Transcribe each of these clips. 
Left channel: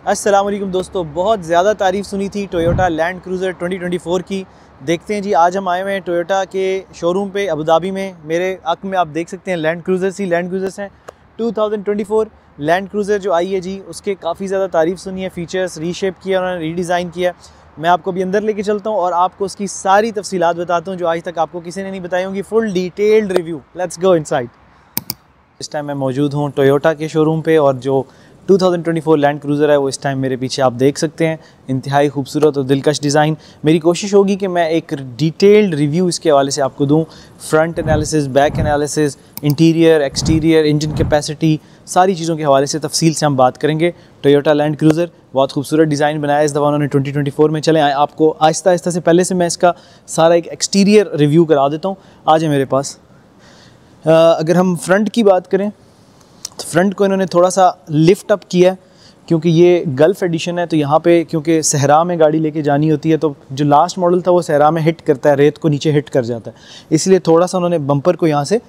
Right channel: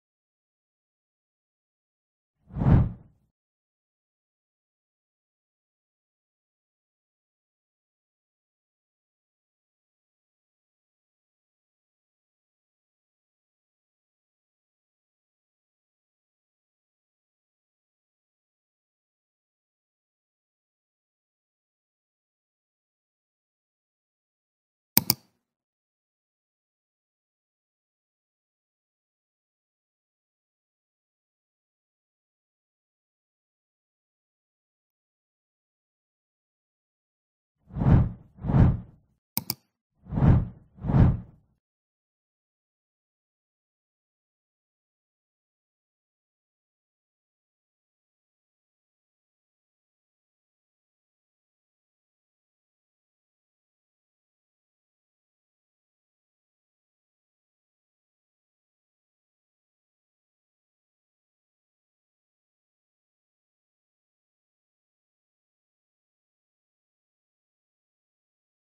अस्सलाम वालेकुम दोस्तों, बहुत ज़्यादा तारीफ़ सुनी थी टोयोटा लैंड क्रूज़र 2024 की। देखते हैं जी, आज हम आए हुए हैं टोयोटा के शोरूम पे अबू धाबी में। मेरे हक़ में आप देख सकते हैं लैंड क्रूज़र्स हैं 2024 लैंड क्रूज़र जो आई है जी, उसके काफ़ी ज़्यादा तारीफ़ सुनी है। फ़ीचर्स रीशेप किया, उन्होंने रीडिज़ाइन किया। मैं आपको अभी अंदर लेके चलता हूँ और आपको उसकी सारी तफ़सीलात बताता हूँ जो आज तक आपको किसी ने नहीं बताई होंगी। Full detailed review. Let's go inside. इस टाइम मैं मौजूद हूँ टोयोटा के शोरूम पे और जो 2024 लैंड क्रूज़र है वो इस टाइम मेरे पीछे आप देख सकते हैं। इंतहाई खूबसूरत और दिलकश डिज़ाइन। मेरी कोशिश होगी कि मैं एक डिटेल्ड रिव्यू इसके हवाले से आपको दूँ। Front analysis, back analysis, interior, exterior, engine capacity, सारी चीज़ों के हवाले से तफसील से हम बात करेंगे। टोयोटा लैंड क्रूज़र बहुत खूबसूरत डिज़ाइन बनाया इस दफ़ा उन्होंने 2024 में। चलें आपको आहिस्ता आहिस्ता से पहले से मैं इसका सारा एक एक्सटीरियर रिव्यू करा देता हूँ। आज है मेरे पास। अगर हम फ्रंट की बात करें तो फ्रंट को इन्होंने थोड़ा सा लिफ्ट अप किया क्योंकि ये गल्फ़ एडिशन है, तो यहाँ पे क्योंकि सहरा में गाड़ी लेके जानी होती है तो जो लास्ट मॉडल था वो सहरा में हिट करता है, रेत को नीचे हिट कर जाता है, इसलिए थोड़ा सा उन्होंने बम्पर को यहाँ से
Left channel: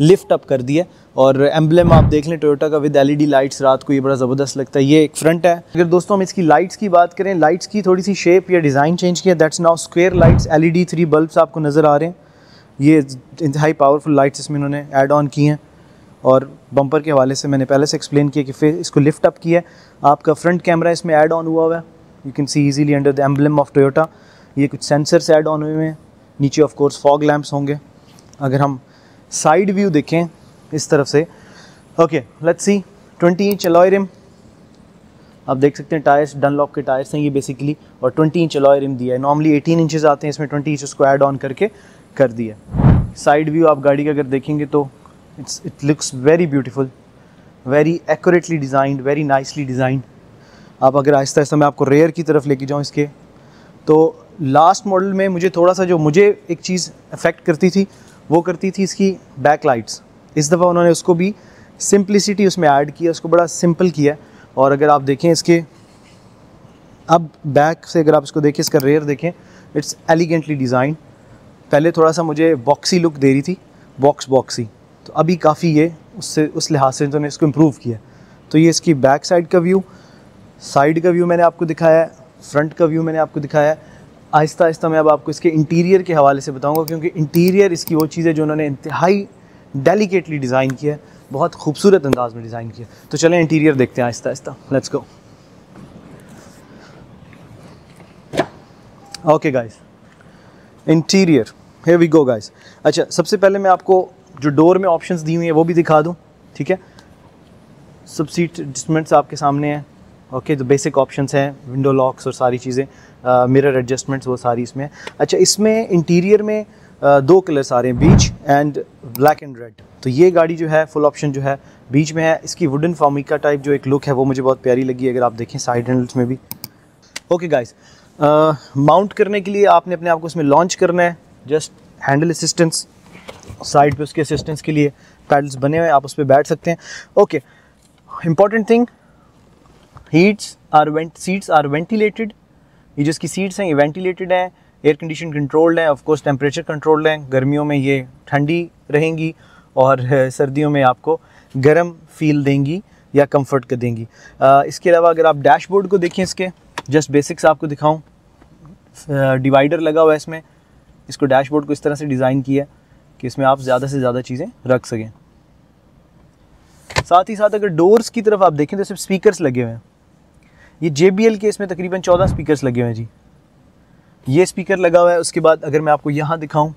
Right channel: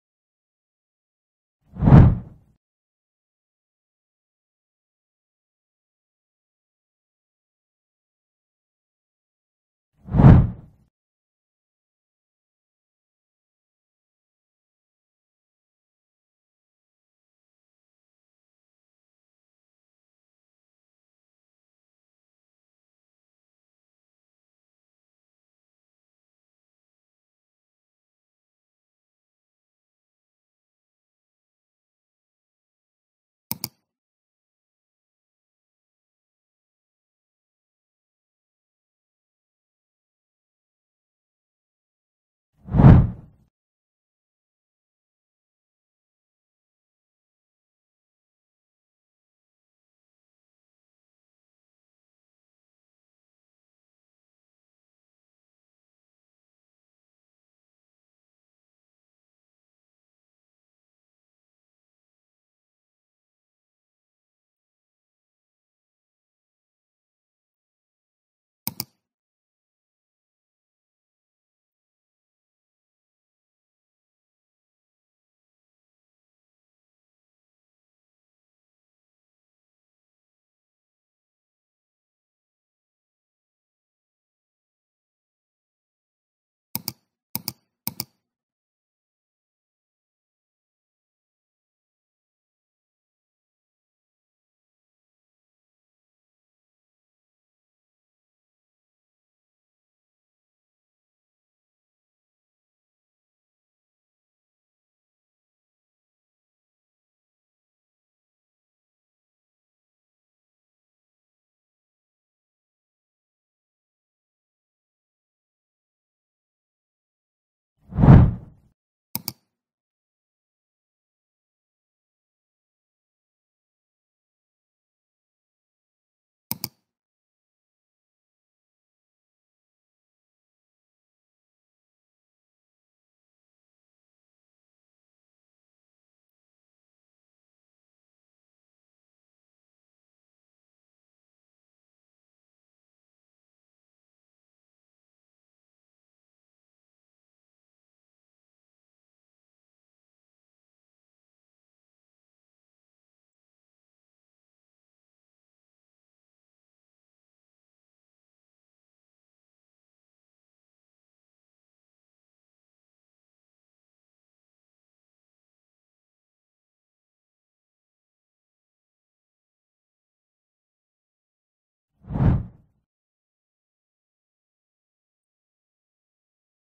लिफ्ट अप कर दिया। और एम्बलम आप देख लें टोयोटा का विद एलईडी लाइट्स, रात को ये बड़ा ज़बरदस्त लगता है। ये एक फ्रंट है। अगर दोस्तों हम इसकी लाइट्स की बात करें, लाइट्स की थोड़ी सी शेप या डिज़ाइन चेंज किया। That's now square lights, LED 3 bulbs आपको नज़र आ रहे हैं। ये इंतहाई पावरफुल लाइट्स इसमें इन्होंने ऐड ऑन की हैं। और बम्पर के हवाले से मैंने पहले से एक्सप्लेन किया कि फिर इसको लिफ्ट अप किया है। आपका फ्रंट कैमरा इसमें ऐड ऑन हुआ है, you can see easily under the emblem of Toyota. ये कुछ सेंसर्स ऐड ऑन हुए हैं। नीचे ऑफ कोर्स फॉग लैंप्स होंगे। अगर हम साइड व्यू देखें इस तरफ से, okay let's see. 20 inch alloy rim आप देख सकते हैं। टायर्स डनलॉप के टायर्स हैं ये बेसिकली, और 20 इंच अलॉय रिम दिया है। नॉर्मली 18 इंचेस आते हैं, इसमें 20 इंच उसको ऐड ऑन करके कर दिया। साइड व्यू आप गाड़ी का अगर देखेंगे तो it looks very beautiful, very accurately designed, very nicely designed. आप अगर आहिस्ता आहिस्ता मैं आपको रेयर की तरफ लेके जाऊँ इसके, तो लास्ट मॉडल में मुझे थोड़ा सा जो मुझे एक चीज़ अफेक्ट करती थी वो करती थी इसकी बैक लाइट्स। इस दफ़ा उन्होंने उसको भी सिंप्लिसिटी उसमें ऐड किया, उसको बड़ा सिंपल किया। और अगर आप देखें इसके अब बैक से, अगर आप इसको देखें, इसका रेयर देखें, इट्स एलिगेंटली डिज़ाइन। पहले थोड़ा सा मुझे बॉक्सी लुक दे रही थी, बॉक्सी, तो अभी काफ़ी ये उससे उस लिहाज से उन्होंने इसको इम्प्रूव किया। तो ये इसकी बैक साइड का व्यू, साइड का व्यू मैंने आपको दिखाया है, फ्रंट का व्यू मैंने आपको दिखाया है। आहिस्ता आहिस्ता मैं अब आपको इसके इंटीरियर के हवाले से बताऊंगा, क्योंकि इंटीरियर इसकी वो चीज़ है जो उन्होंने इंतहाई डेलिकेटली डिज़ाइन किया है, बहुत खूबसूरत अंदाज में डिज़ाइन किया। तो चलें इंटीरियर देखते हैं आहिस्ता आहिस्ता। Let's go. Okay guys, interior, here we go guys. अच्छा, सबसे पहले मैं आपको जो डोर में ऑप्शंस दी हुई हैं वो भी दिखा दूं, ठीक है। सब सीट एडजस्टमेंट्स आपके सामने हैं। ओके, तो बेसिक ऑप्शंस हैं, विंडो लॉक्स और सारी चीज़ें, मिरर एडजस्टमेंट्स वो सारी इसमें। अच्छा, इसमें इंटीरियर में दो कलर्स आ रहे हैं, बीच एंड ब्लैक एंड रेड। तो ये गाड़ी जो है फुल ऑप्शन जो है बीच में है। इसकी वुडन फॉर्मिका टाइप जो एक लुक है वो मुझे बहुत प्यारी लगी, अगर आप देखें साइड हैंडल्स में भी। ओके गाइस, माउंट करने के लिए आपने अपने आप को इसमें लॉन्च करना है। जस्ट हैंडल असिस्टेंस, साइड पे उसके असिस्टेंस के लिए पैडल्स बने हुए हैं, आप उस पर बैठ सकते हैं। Okay, important thing, seats are ventilated. ये जिसकी सीट्स हैं ये वेंटिलेटेड हैं, एयर कंडीशन कंट्रोल्ड हैं, ऑफ कोर्स टेम्परेचर कंट्रोल्ड हैं। गर्मियों में ये ठंडी रहेंगी और सर्दियों में आपको गर्म फील देंगी या कंफर्ट कर देंगी। इसके अलावा अगर आप डैशबोर्ड को देखें, इसके जस्ट बेसिक्स आपको दिखाऊं, डिवाइडर लगा हुआ है इसमें। इसको डैशबोर्ड को इस तरह से डिज़ाइन किया कि इसमें आप ज़्यादा से ज़्यादा चीज़ें रख सकें। साथ ही साथ अगर डोर्स की तरफ आप देखें तो सिर्फ स्पीकर्स लगे हुए हैं। ये JBL के इसमें तकरीबन 14 स्पीकर्स लगे हुए हैं जी। ये स्पीकर लगा हुआ है। उसके बाद अगर मैं आपको यहाँ दिखाऊं,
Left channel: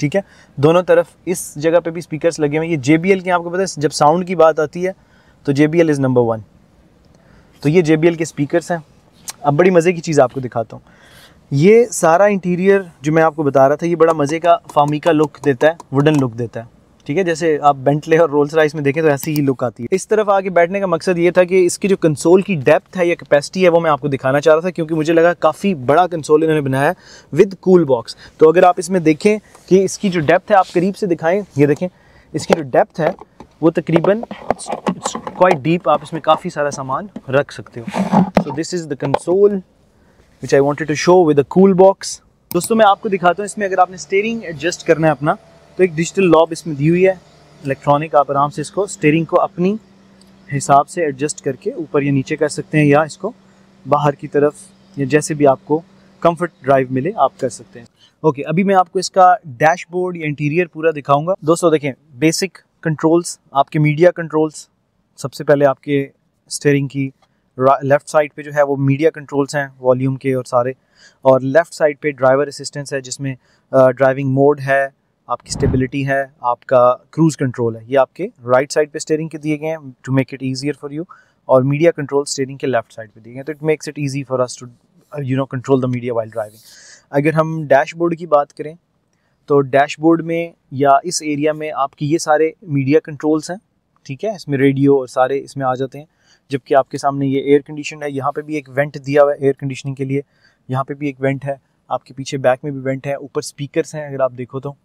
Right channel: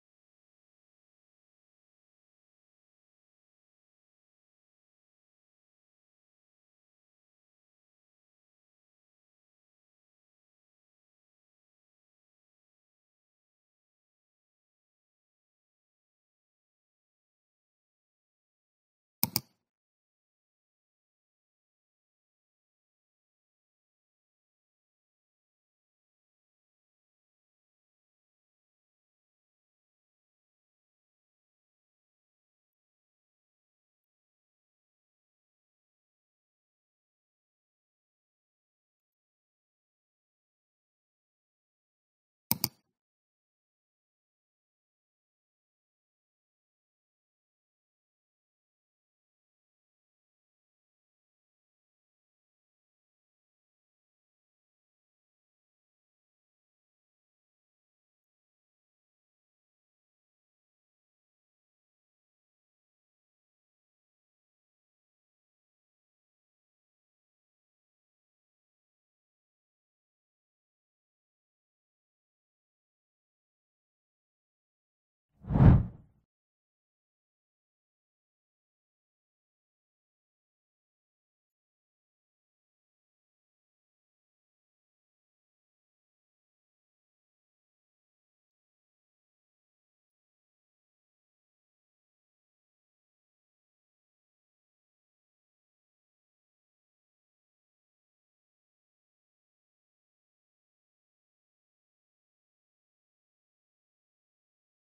ठीक है, दोनों तरफ इस जगह पे भी स्पीकर्स लगे हुए हैं। ये JBL के, आपको पता है जब साउंड की बात आती है तो JBL इज़ नंबर 1। तो ये JBL के स्पीकर्स हैं। अब बड़ी मज़े की चीज़ आपको दिखाता हूँ। ये सारा इंटीरियर जो मैं आपको बता रहा था, ये बड़ा मज़े का फार्मिका लुक देता है, वुडन लुक देता है, ठीक है। जैसे आप बेंटले और रोल्स रॉयस में देखें तो ऐसी ही लुक आती है। इस तरफ आके बैठने का मकसद ये था कि इसकी जो कंसोल की डेप्थ है या कैपेसिटी है वो मैं आपको दिखाना चाह रहा था, क्योंकि मुझे लगा काफ़ी बड़ा कंसोल इन्होंने बनाया है विद कूल बॉक्स। तो अगर आप इसमें देखें कि इसकी जो डेप्थ है, आप करीब से दिखाएँ, ये देखें इसकी जो डेप्थ है वो तकरीबन क्वाइट डीप, आप इसमें काफ़ी सारा सामान रख सकते हो। So this is the console which I wanted to show with a cool box। दोस्तों मैं आपको दिखाता हूँ, इसमें अगर आपने स्टीयरिंग एडजस्ट करना है अपना, तो एक डिजिटल लॉब इसमें दी हुई है इलेक्ट्रॉनिक। आप आराम से इसको स्टीयरिंग को अपनी हिसाब से एडजस्ट करके ऊपर या नीचे कर सकते हैं, या इसको बाहर की तरफ, या जैसे भी आपको कंफर्ट ड्राइव मिले आप कर सकते हैं। ओके, अभी मैं आपको इसका डैशबोर्ड या इंटीरियर पूरा दिखाऊंगा। दोस्तों देखें, बेसिक कंट्रोल्स, आपके मीडिया कंट्रोल्स, सबसे पहले आपके स्टीयरिंग की लेफ़्ट साइड पे जो है वो मीडिया कंट्रोल्स हैं, वॉल्यूम के और सारे, और लेफ़्ट साइड पे ड्राइवर असिस्टेंस है जिसमें ड्राइविंग मोड है, आपकी स्टेबिलिटी है, आपका क्रूज़ कंट्रोल है। ये आपके राइट साइड पे स्टीयरिंग के दिए गए हैं to make it easier for you, और मीडिया कंट्रोल स्टीयरिंग के लेफ़्ट साइड पे दिए गए हैं, तो it makes it easy for us to control the media while driving. अगर हम डैशबोर्ड की बात करें तो डैशबोर्ड में या इस एरिया में आपकी ये सारे मीडिया कंट्रोल्स हैं, ठीक है, इसमें रेडियो और सारे इसमें आ जाते हैं। जबकि आपके सामने ये एयर कंडीशन है, यहाँ पे भी एक वेंट दिया हुआ है एयर कंडीशनिंग के लिए, यहाँ पे भी एक वेंट है, आपके पीछे बैक में भी वेंट है, ऊपर स्पीकर्स हैं अगर आप देखो तो,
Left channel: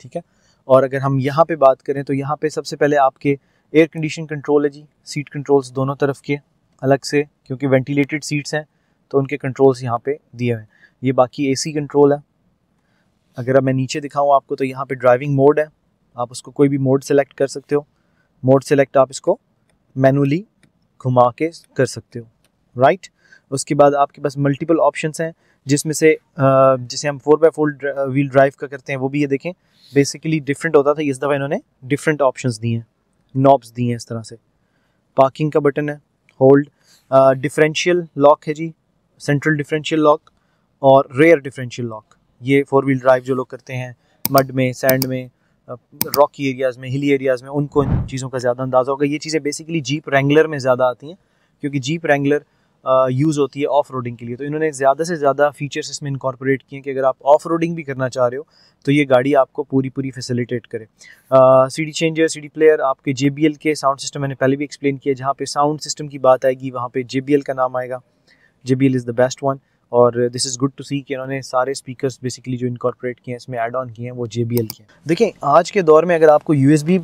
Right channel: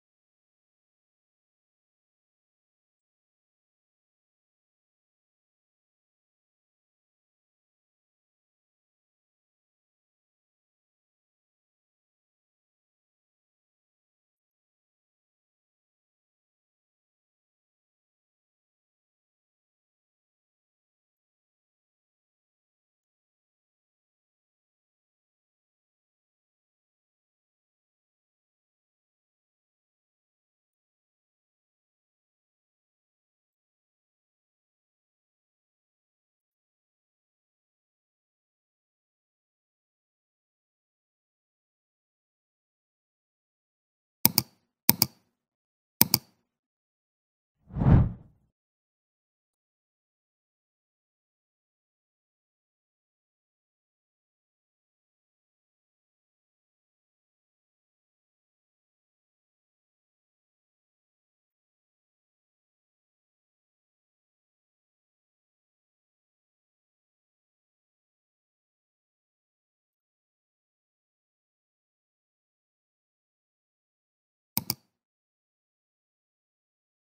ठीक है। और अगर हम यहाँ पे बात करें तो यहाँ पे सबसे पहले आपके एयर कंडीशन कंट्रोल है जी, सीट कंट्रोल्स दोनों तरफ के अलग से, क्योंकि वेंटिलेटेड सीट्स हैं तो उनके कंट्रोल्स यहाँ पे दिए हुए हैं। ये बाकी AC कंट्रोल है। अगर अब मैं नीचे दिखाऊँ आपको तो यहाँ पे ड्राइविंग मोड है, आप उसको कोई भी मोड सेलेक्ट कर सकते हो। मोड सेलेक्ट आप इसको मैनुअली घुमा के कर सकते हो, राइट। उसके बाद आपके पास मल्टीपल ऑप्शंस हैं, जिसमें से जिसे हम 4x4 व्हील ड्राइव का करते हैं वो भी ये देखें बेसिकली डिफरेंट होता था, इस दफ़ा इन्होंने डिफरेंट ऑप्शंस दिए हैं, नॉब्स दिए हैं इस तरह से। पार्किंग का बटन है, होल्ड, डिफरेंशियल लॉक है जी, सेंट्रल डिफरेंशियल लॉक और रेयर डिफरेंशियल लॉक। ये 4 व्हील ड्राइव जो लोग करते हैं मड में, सैंड में, रॉकी एरियाज़ में, हिली एरियाज़ में, उनको इन चीज़ों का ज़्यादा अंदाज़ा होगा। ये चीज़ें बेसिकली जीप रैंगलर में ज़्यादा आती हैं, क्योंकि जीप रैंगलर यूज़ होती है ऑफ रोडिंग के लिए, तो इन्होंने ज़्यादा से ज़्यादा फीचर्स इसमें इनकॉर्पोरेट किए हैं कि अगर आप ऑफ रोडिंग भी करना चाह रहे हो तो ये गाड़ी आपको पूरी फैसिलिटेट करे। CD चेंजर, CD प्लेयर, आपके JBL के साउंड सिस्टम मैंने पहले भी एक्सप्लेन किया, जहाँ पे साउंड सिस्टम की बात आएगी वहाँ पे JBL का नाम आएगा, JBL is the best one. और दिस इज़ गुड टू सी कि इन्होंने सारे स्पीकर्स बेसिकली जो इनकॉर्पोरेट किए हैं इसमें ऐड ऑन किए हैं वो JBL के हैं। देखिए आज के दौर में अगर आपको USB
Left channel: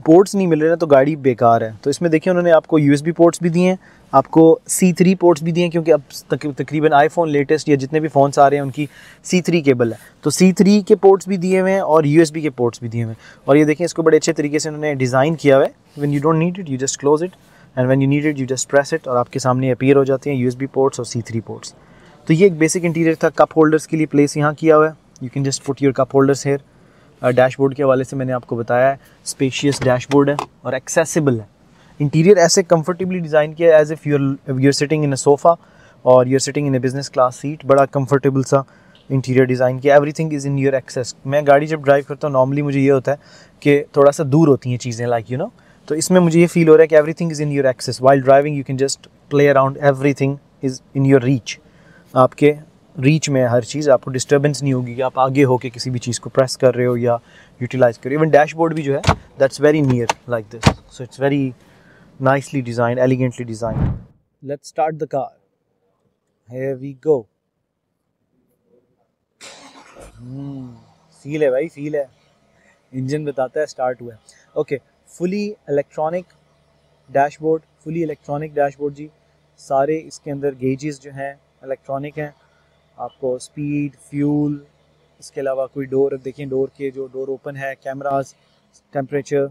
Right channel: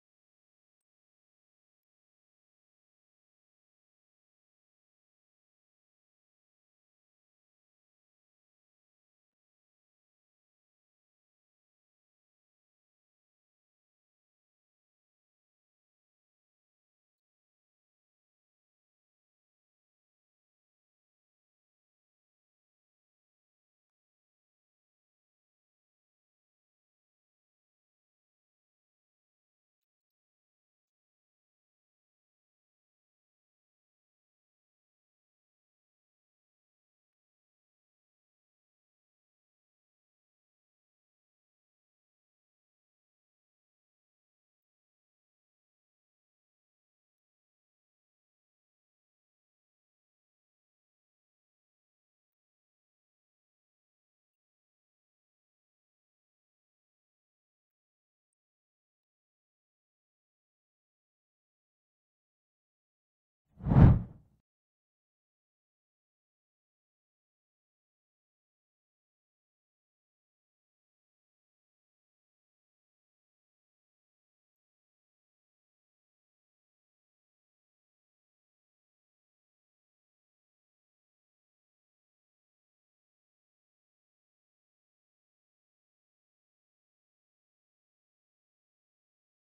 पोर्ट्स नहीं मिल रहे हैं तो गाड़ी बेकार है, तो इसमें देखिए उन्होंने आपको USB पोर्ट्स भी दिए हैं, आपको C3 पोर्ट्स भी दिए हैं, क्योंकि अब तकरीबन आईफोन लेटेस्ट या जितने भी फ़ोन्स आ रहे हैं उनकी C3 केबल है, तो C3 के पोर्ट्स भी दिए हुए हैं और USB के पोर्ट्स भी दिए हुए हैं। और ये देखें इसको बड़े अच्छे तरीके से उन्होंने डिज़ाइन किया हुआ है, when you don't need it you just close it and when you need it you just press it, और आपके सामने अपीयर हो जाते हैं USB पोर्ट्स और C3 पोर्ट्स। तो ये एक बेसिक इंटीरियर था। कप होल्डर्स के लिए प्लेस यहाँ किया हुआ है, you can just put your cup holders here. Dashboard के हवाले से मैंने आपको बताया है, स्पेशियस डैशबोर्ड है और एक्सेसिबल है। इंटीरियर ऐसे कंफर्टेबली डिज़ाइन किया है as if you're sitting in a sofa और you're sitting in a business class seat, बड़ा कंफर्टेबल सा इंटीरियर डिज़ाइन किया। Everything is in your access. मैं गाड़ी जब ड्राइव करता हूँ नॉर्मली मुझे ये होता है कि थोड़ा सा दूर होती हैं चीज़ें, लाइक यू नो, तो इसमें मुझे ये फील हो रहा है कि everything is in your access. While driving you can just play around, everything is in your reach, आपके रीच में हर चीज़, आपको डिस्टर्बेंस नहीं होगी कि आप आगे होके किसी भी चीज़ को प्रेस कर रहे हो या यूटिलाइज़ कर रहे हो। इवन डैशबोर्ड भी जो है that's very near like this, so it's very nicely designed, elegantly designed. Let's start the car. Here we go. Feel है भाई, फील है, इंजन बताता है स्टार्ट हुआ है। Okay, fully electronic dashboard, fully electronic dashboard जी। सारे इसके अंदर गेजेस जो हैं इलेक्ट्रॉनिक हैं, आपको स्पीड, फ्यूल, इसके अलावा कोई डोर, देखिए डोर के जो डोर ओपन है, कैमरास, टेम्परेचर,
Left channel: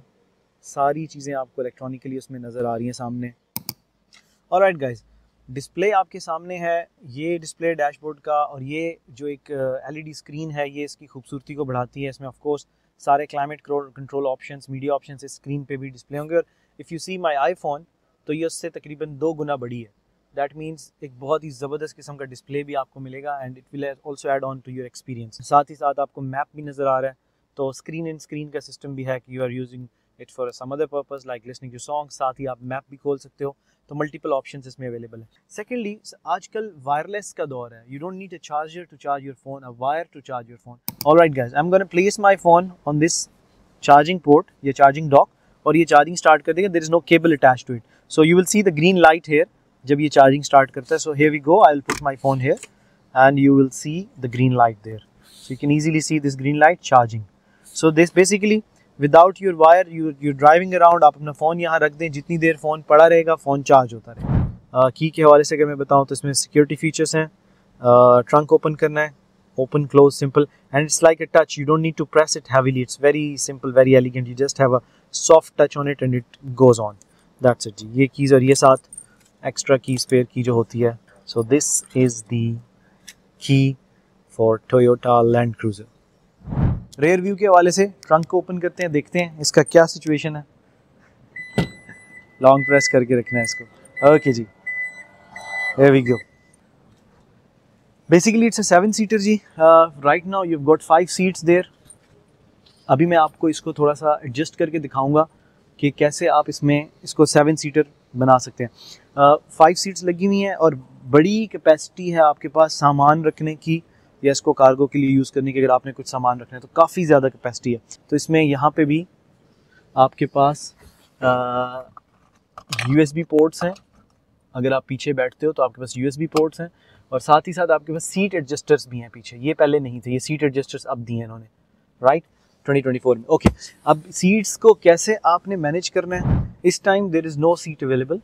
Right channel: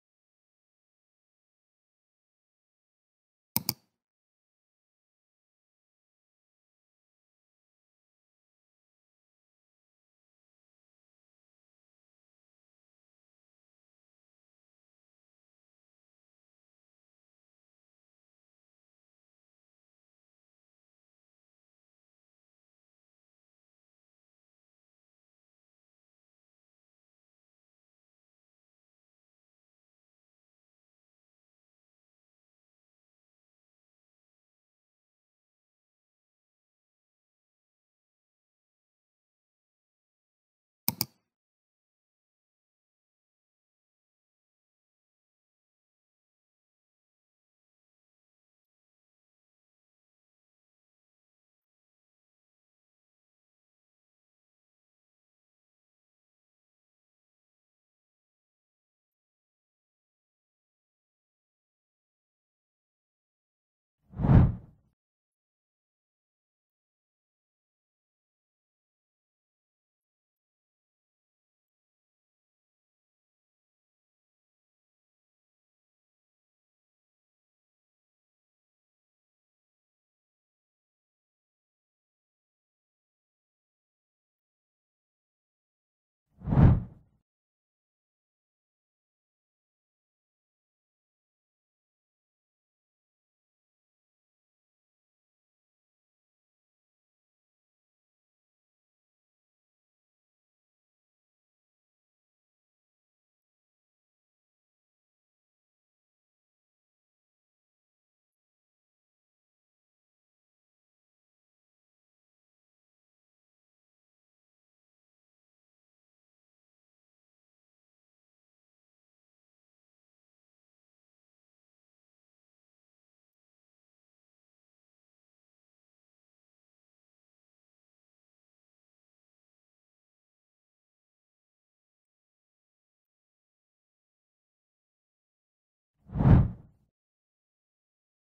सारी चीज़ें आपको इलेक्ट्रॉनिकली उसमें नज़र आ रही हैं सामने। ऑलराइट गाइस, डिस्प्ले आपके सामने है, ये डिस्प्ले डैशबोर्ड का, और ये जो एक LED स्क्रीन है ये इसकी खूबसूरती को बढ़ाती है। इसमें ऑफ कोर्स सारे climate control options, media options इस स्क्रीन पे भी डिस्प्ले होंगे। और if you see my iPhone तो ये उससे तकरीबन 2 गुना बड़ी है। दैट मीन्स एक बहुत ही ज़बरदस्त किस्म का डिस्प्ले भी आपको मिलेगा and it will also add on to your experience. साथ ही साथ आपको मैप भी नज़र आ रहा है, तो स्क्रीन इन स्क्रीन का सिस्टम भी है कि you are using it for some other purpose like listening to song. साथ ही आप मैप भी खोल सकते हो, तो मल्टीपल ऑप्शंस इसमें अवेलेबल है। सेकेंडली, आजकल वायरलेस का दौर है, you don't need a charger to charge your phone, a wire to charge your phone. Alright guys, I am gonna place my phone on this charging port, ये charging dock, और ये charging start कर देगा। There is no cable attached to it, so you will see the green light here जब ये charging start करता है। So here we go, I will put my phone here and you will see the green light there, so you can easily see this green light charging. So this basically without your wire, you're driving around, आप अपना phone यहाँ रख दें, जितनी देर phone पड़ा रहेगा phone charge होता रहेगा। की के हवाले से अगर मैं बताऊँ तो इसमें सिक्योरिटी फीचर्स हैं, ट्रंक ओपन करना है, open close simple, and it's like a touch, you don't need to press it heavily, it's very simple, very elegant, you just have a soft touch on it and it goes on. That's it जी, ये keys और ये साथ extra की spare की जो होती है। So this is the key for Toyota land cruiser. Rear view के हवाले से ट्रंक को ओपन करते हैं, देखते हैं इसका क्या सिचुएशन है। लॉन्ग प्रेस करके रखना है इसको। Okay ji, here we go. Basically it's a 7-seater ji. Right now you've got 5 seats there. अभी मैं आपको इसको थोड़ा सा एडजस्ट करके दिखाऊंगा कि कैसे आप इसमें इसको 7-seater बना सकते हैं। 5 सीट्स लगी हुई हैं और बड़ी कैपेसिटी है आपके पास सामान रखने की या इसको कार्गो के लिए यूज़ करने की। अगर आपने कुछ सामान रखना है तो काफ़ी ज़्यादा कैपेसिटी है। तो इसमें यहाँ पे भी आपके पास USB पोर्ट्स हैं। अगर आप पीछे बैठते हो तो आपके पास USB पोर्ट्स हैं और साथ ही साथ आपके पास सीट एडजस्टर्स भी हैं पीछे। ये पहले नहीं थे, ये सीट एडजस्टर्स अब दिए हैं इन्होंने, राइट, 2024 में। ओके, अब सीट्स को कैसे आपने मैनेज करना है। इस time there is no seat available,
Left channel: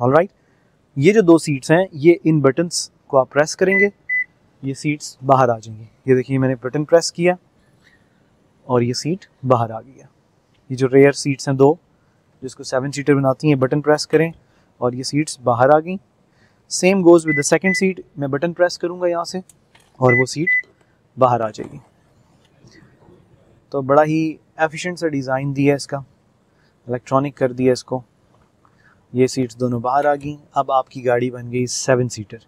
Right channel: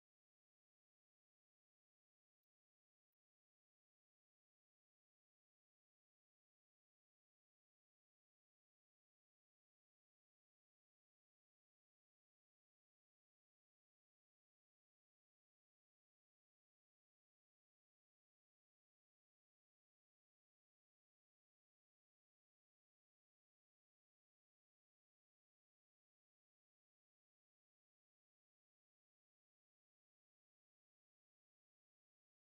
alright. ये जो 2 सीट्स हैं, ये इन बटन्स को आप प्रेस करेंगे, ये सीट्स बाहर आ जाएंगी। ये देखिए मैंने बटन प्रेस किया और ये सीट बाहर आ गई है। ये जो रेयर सीट्स हैं 2 जिसको 7-सीटर बनाती हैं, बटन प्रेस करें और ये सीट्स बाहर आ गई। Same goes with the second seat, मैं बटन प्रेस करूँगा यहाँ से और वो सीट बाहर आ जाएगी। तो बड़ा ही एफिशिएंट सा डिज़ाइन दिया है इसका, इलेक्ट्रॉनिक कर दिया इसको। ये सीट्स दोनों बाहर आ गई। अब आपकी गाड़ी बन गई 7-सीटर,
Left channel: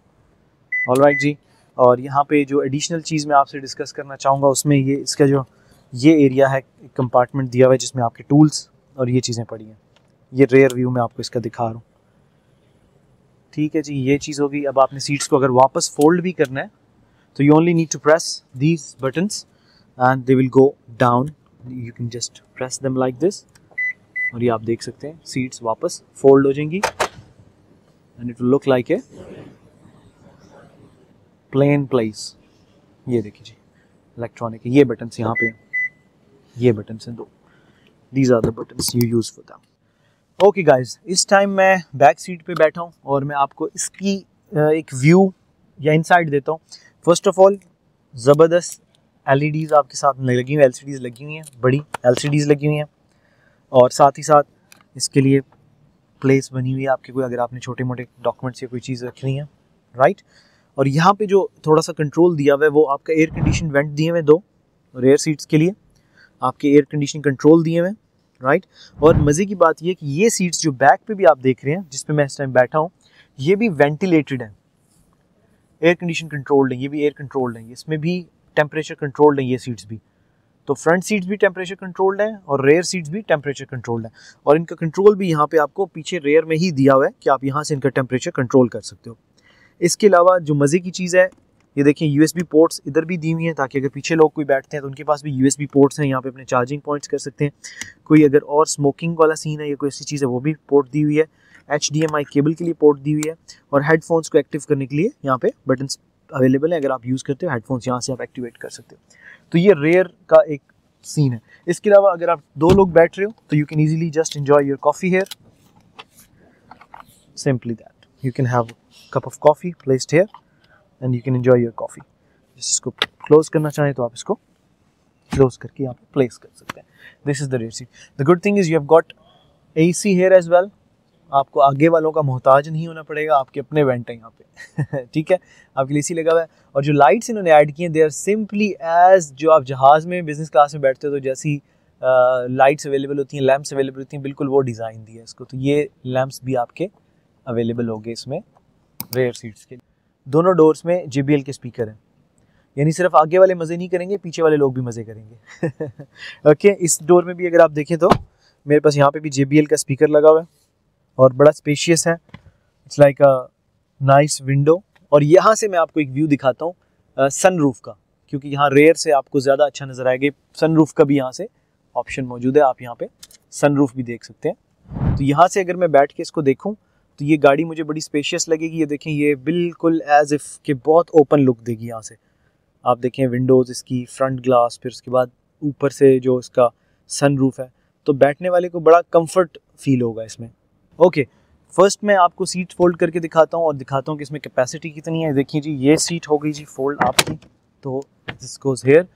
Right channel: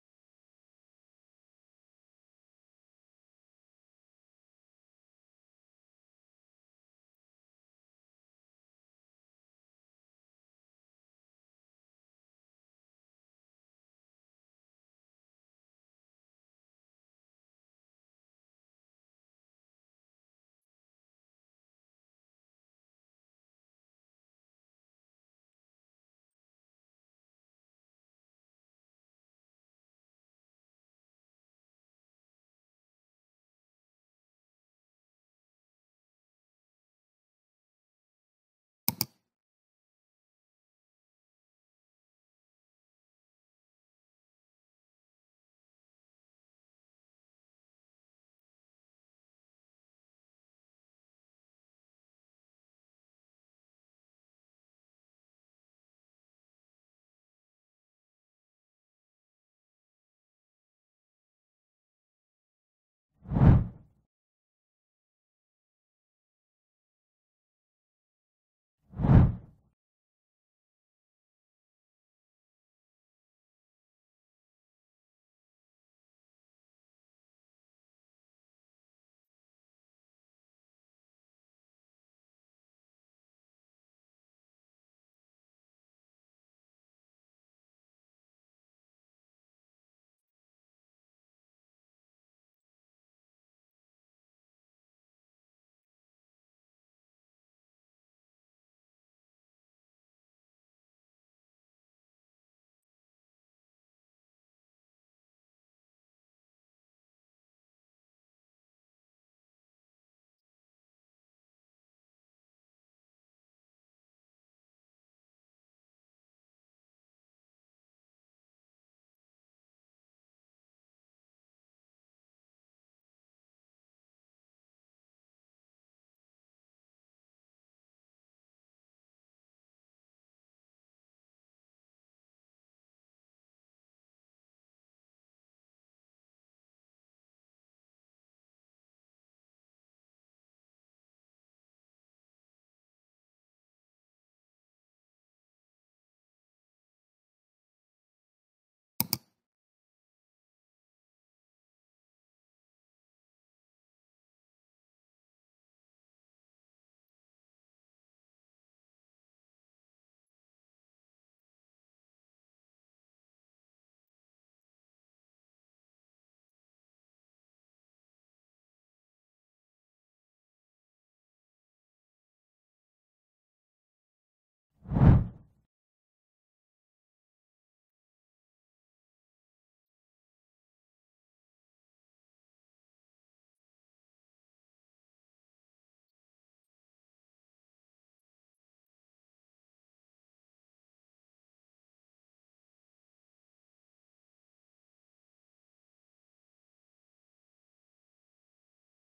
ऑलराइट जी। और यहाँ पे जो एडिशनल चीज़ मैं आपसे डिस्कस करना चाहूँगा उसमें ये इसका जो ये एरिया है, एक कंपार्टमेंट दिया हुआ है जिसमें आपके टूल्स और ये चीज़ें पड़ी हैं। ये रेयर व्यू में आपको इसका दिखा रहा हूँ, ठीक है जी। ये चीज़ होगी। अब आपने सीट्स को अगर वापस फोल्ड भी करना है तो you only need to press these buttons and they will go down. You can just press them like this और ये आप देख सकते हैं सीट्स वापस फोल्ड हो जाएंगी and it will look like a plain place. ये देखिए जी, इलेक्ट्रॉनिक। ये बटन्स यहाँ पे, ये बटन्स हैं 2, these are the buttons you use for them. Okay guys, इस टाइम मैं बैक सीट पे बैठा हूँ और मैं आपको इसकी एक व्यू या इनसाइड देता हूँ। फर्स्ट ऑफ ऑल ज़बरदस्त LEDs आपके साथ लगी हुई, LCDs लगी हुई हैं, बड़ी LCDs लगी हुई हैं और साथ ही साथ इसके लिए प्लेस बनी हुई है आपके, कोई अगर आपने छोटे मोटे डॉक्यूमेंट्स या कोई चीज़ रखनी है, राइट। और यहाँ पे जो थोड़ा सा कंट्रोल दिया हुआ है वो आपका एयर कंडीशन वेंट दिए हुए 2 रेयर सीट्स के लिए, आपके एयर कंडीशन कंट्रोल दिए हुए, राइट। और मज़े की बात ये कि ये सीट्स जो बैक पे भी आप देख रहे हैं जिस पे मैं इस टाइम बैठा हूँ, ये भी वेंटिलेटेड है, एयर कंडीशन कंट्रोल्ड है। ये भी एयर कंट्रोल्ड है, इसमें भी टेम्परेचर कंट्रोल्ड है ये सीट्स भी। तो फ्रंट सीट्स भी टेम्परेचर कंट्रोल्ड है और रेयर सीट्स भी टेम्परेचर कंट्रोल्ड है। और इनका कंट्रोल भी यहाँ पे आपको पीछे रेयर में ही दिया हुआ है कि आप यहाँ से इनका टेम्परेचर कंट्रोल कर सकते हो। इसके अलावा जो मज़े की चीज़ है, ये देखें USB पोर्ट्स इधर भी दी हुई हैं ताकि अगर पीछे लोग कोई बैठते हैं तो उनके पास भी USB पोर्ट्स हैं, यहाँ पे अपने चार्जिंग पॉइंट्स कर सकते हैं। कोई अगर और स्मोकिंग वाला सीन है या कोई ऐसी चीज़ है वो भी पोर्ट दी हुई है। HDMI केबल के लिए पोर्ट दी हुई है और हेडफोन्स को एक्टिव करने के लिए यहाँ पे बटन्स अवेलेबल है। अगर आप यूज़ करते हो हेडफोन्स यहाँ से आप एक्टिवेट कर सकते हो। तो ये रेयर का एक सीन है। इसके अलावा अगर आप 2 लोग बैठ रहे हो तो you can easily just enjoy your coffee here, simply that. You can have cup of coffee placed here and you can enjoy your coffee. इसको क्लोज करना चाहें तो आप इसको क्लोज करके यहाँ पे प्लेस कर सकते हैं। This is the rare seat. The good thing is you have got AC here as well. आपको आगे वालों का मोहताज नहीं होना पड़ेगा, आपके अपने वेंट हैं यहाँ पे ठीक है, आपके लिए AC लगा हुआ है। और जो लाइट्स इन्होंने ऐड की हैं दे आर सिंपली एज जो आप जहाज़ में बिजनेस क्लास में बैठते हो तो जैसी लाइट्स अवेलेबल होती हैं, लैंप्स अवेलेबल होती हैं, बिल्कुल वो डिज़ाइन दिया है इसको। तो ये लैंप्स भी आपके अवेलेबल होंगे इसमें रेयर सीट्स के। दोनों डोर्स में JBL के स्पीकर हैं, यानी सिर्फ आगे वाले मज़े नहीं करेंगे, पीछे वाले लोग भी मज़े करेंगे ओके। इस डोर में भी अगर आप देखें तो मेरे पास यहाँ पे भी JBL का स्पीकर लगा हुआ है और बड़ा स्पेशियस है। It's like a nice window. और यहाँ से मैं आपको एक व्यू दिखाता हूँ सनरूफ का, क्योंकि यहाँ रेयर से आपको ज़्यादा अच्छा नज़र आएगा। सनरूफ का भी यहाँ से ऑप्शन मौजूद है, आप यहाँ पे सनरूफ भी देख सकते हैं। तो यहाँ से अगर मैं बैठ के इसको देखूँ तो ये गाड़ी मुझे बड़ी स्पेशियस लगेगी। ये देखें, ये बिल्कुल एज इफ़ के बहुत ओपन लुक देगी यहाँ से। आप देखें विंडोज़ इसकी, फ्रंट ग्लास, फिर उसके बाद ऊपर से जो इसका सनरूफ है, तो बैठने वाले को बड़ा कंफर्ट फील होगा इसमें। ओके, फर्स्ट मैं आपको सीट फोल्ड करके दिखाता हूँ और दिखाता हूँ कि इसमें कैपेसिटी कितनी है। देखिए जी, ये सीट हो गई जी फोल्ड आपकी, तो दिस गोज़ हियर।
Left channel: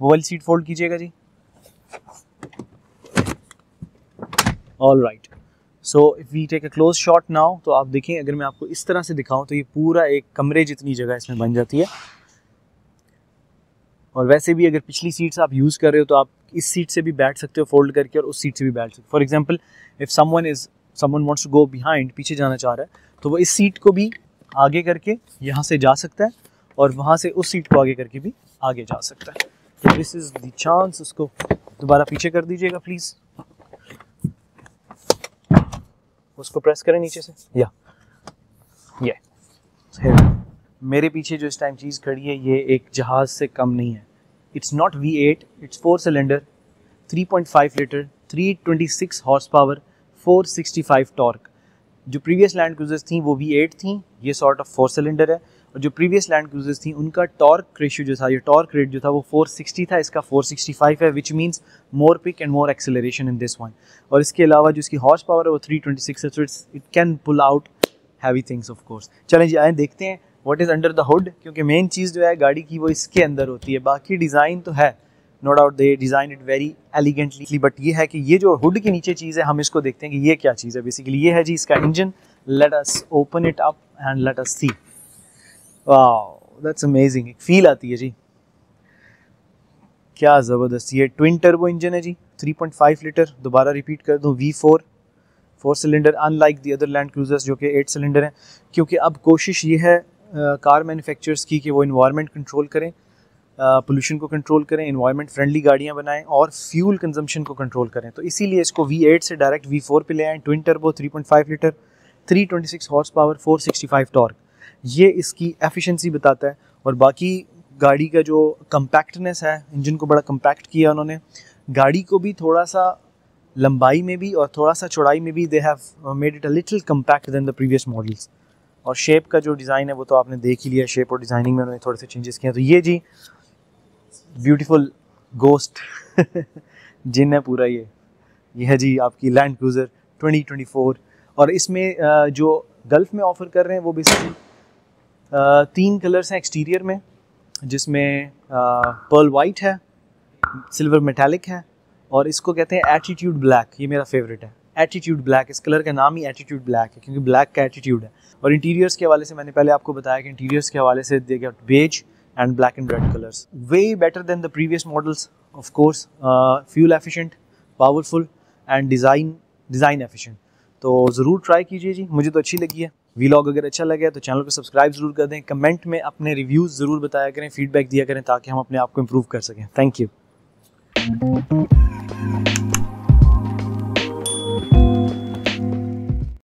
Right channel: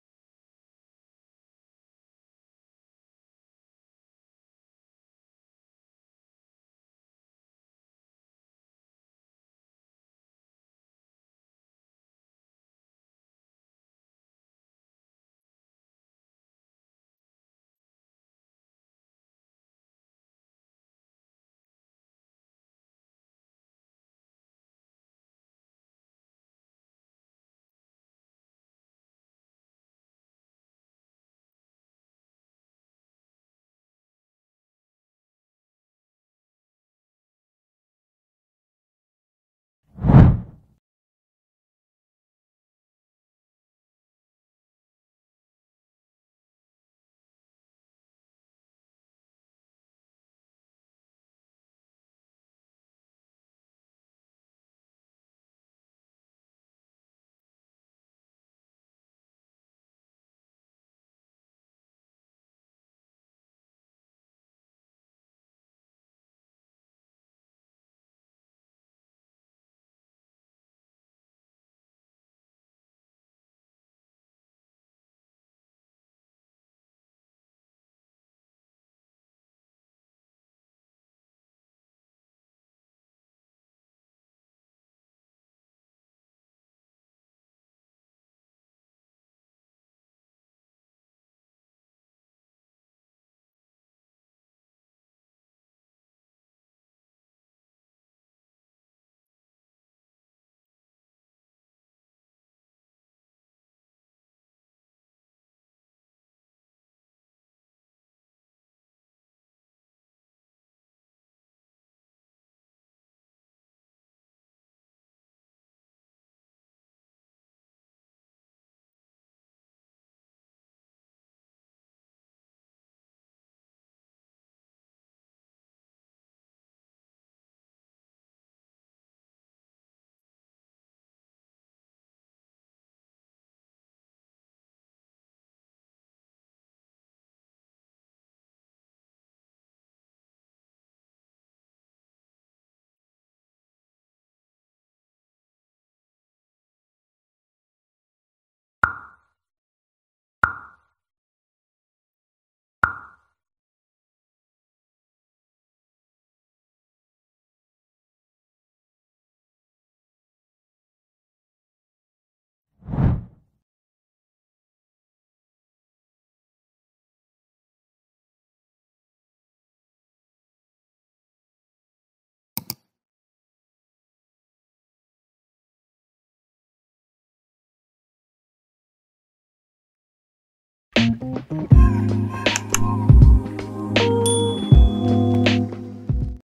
वो वाली सीट फोल्ड कीजिएगा जी। All right, so if we take a close shot now, तो आप देखें, अगर मैं आपको इस तरह से दिखाऊं तो ये पूरा एक कमरे जितनी जगह इसमें बन जाती है। और वैसे भी अगर पिछली सीट्स आप यूज़ कर रहे हो तो आप इस सीट से भी बैठ सकते हो फोल्ड करके, और उस सीट से भी बैठ सकते हो। For example if someone wants to go behind, पीछे जाना चाह रहा है, तो वो इस सीट को भी आगे करके यहाँ से जा सकता है, और वहाँ से उस सीट को आगे करके भी आगे जा सकता है। तो दिस इज़ द चांस। उसको दोबारा पीछे कर दीजिएगा प्लीज़, उसको प्रेस करें नीचे से, या ये मेरे पीछे जो इस टाइम चीज़ खड़ी है ये एक जहाज़ से कम नहीं है। It's not V8, it's 4 cylinder, 3.5 litre, 326 horse power, 465 torque. जो प्रीवियस लैंड क्रूजर्स थी वो V8 थी, ये सॉर्ट ऑफ 4 सिलेंडर है। और जो प्रीवियस लैंड क्रूजर्स थी उनका टॉर्क रेशियो जो था, ये टॉर्क रेट जो था वो 460 था, इसका 465 है, which means more pick and more acceleration in this one. और इसके अलावा जो इसकी हॉर्स पावर है वो 326 है, so it can pull out heavy things of course. चलें जी, आए देखते हैं what is under the hood, क्योंकि मेन चीज़ जो है गाड़ी की वो इसके अंदर होती है। बाकी डिज़ाइन तो है, no doubt they design it very elegantly, but ये है कि ये जो हुड के नीचे चीज़ है, हम इसको देखते हैं कि ये क्या चीज़ है। बेसिकली ये है जी इसका engine. Let us open it up and let us see. Wow, that's amazing. एक फील आती है जी, क्या ज़बरदस्त। ये ट्विन टर्बो इंजन है जी, 3.5 लीटर। दोबारा रिपीट कर दूँ, V4 4 cylinder, unlike the other land cruisers जो कि 8 सिलेंडर हैं। क्योंकि अब कोशिश ये है कार मैन्युफैक्चरर्स की कि वो इन्वायरमेंट कंट्रोल करें, पोल्यूशन को कंट्रोल करें, इन्वायरमेंट फ्रेंडली गाड़ियाँ बनाएं और फ्यूल कंजम्पशन को कंट्रोल करें। तो इसीलिए इसको V8 से डायरेक्ट V4 पे ले आए। Twin turbo, 3.5 litre, 326 horse power, 465 torque. ये इसकी एफिशिएंसी बताता है। और बाकी गाड़ी का जो कम्पैक्टनेस है, इंजन को बड़ा कम्पैक्ट किया उन्होंने। गाड़ी को भी थोड़ा सा लंबाई में भी और थोड़ा सा चौड़ाई में भी they have made it a little compact than the previous models. और शेप का जो डिज़ाइन है वो तो आपने देख ही लिया, शेप और डिज़ाइनिंग में उन्होंने थोड़े से चेंजेस किए हैं। तो ये जी ब्यूटीफुल गोस्ट जिन है पूरा। ये है जी आपकी लैंड क्रूज़र 2024। और इसमें जो गल्फ में ऑफ़र कर रहे हैं वो बेसिकली 3 कलर्स हैं एक्सटीरियर में, जिसमें पर्ल वाइट है, सिल्वर मेटालिक है, और इसको कहते हैं एटीट्यूड ब्लैक। ये मेरा फेवरेट है, एटीट्यूड ब्लैक। इस कलर का नाम ही एटीट्यूड ब्लैक है क्योंकि ब्लैक का एटीट्यूड है। और इंटीरियर्स के हवाले से मैंने पहले आपको बताया कि इंटीरियर्स के हवाले से they get beige and black and red colours, way better than the previous models of course. Fuel efficient, powerful and design efficient. तो ज़रूर ट्राई कीजिए जी, मुझे तो अच्छी लगी है। वीलॉग अगर अच्छा लगे तो चैनल को सब्सक्राइब ज़रूर कर दें, कमेंट में अपने रिव्यूज़ ज़रूर बताया करें, फीडबैक दिया करें ताकि हम अपने आप को इम्प्रूव कर सकें। Thank you.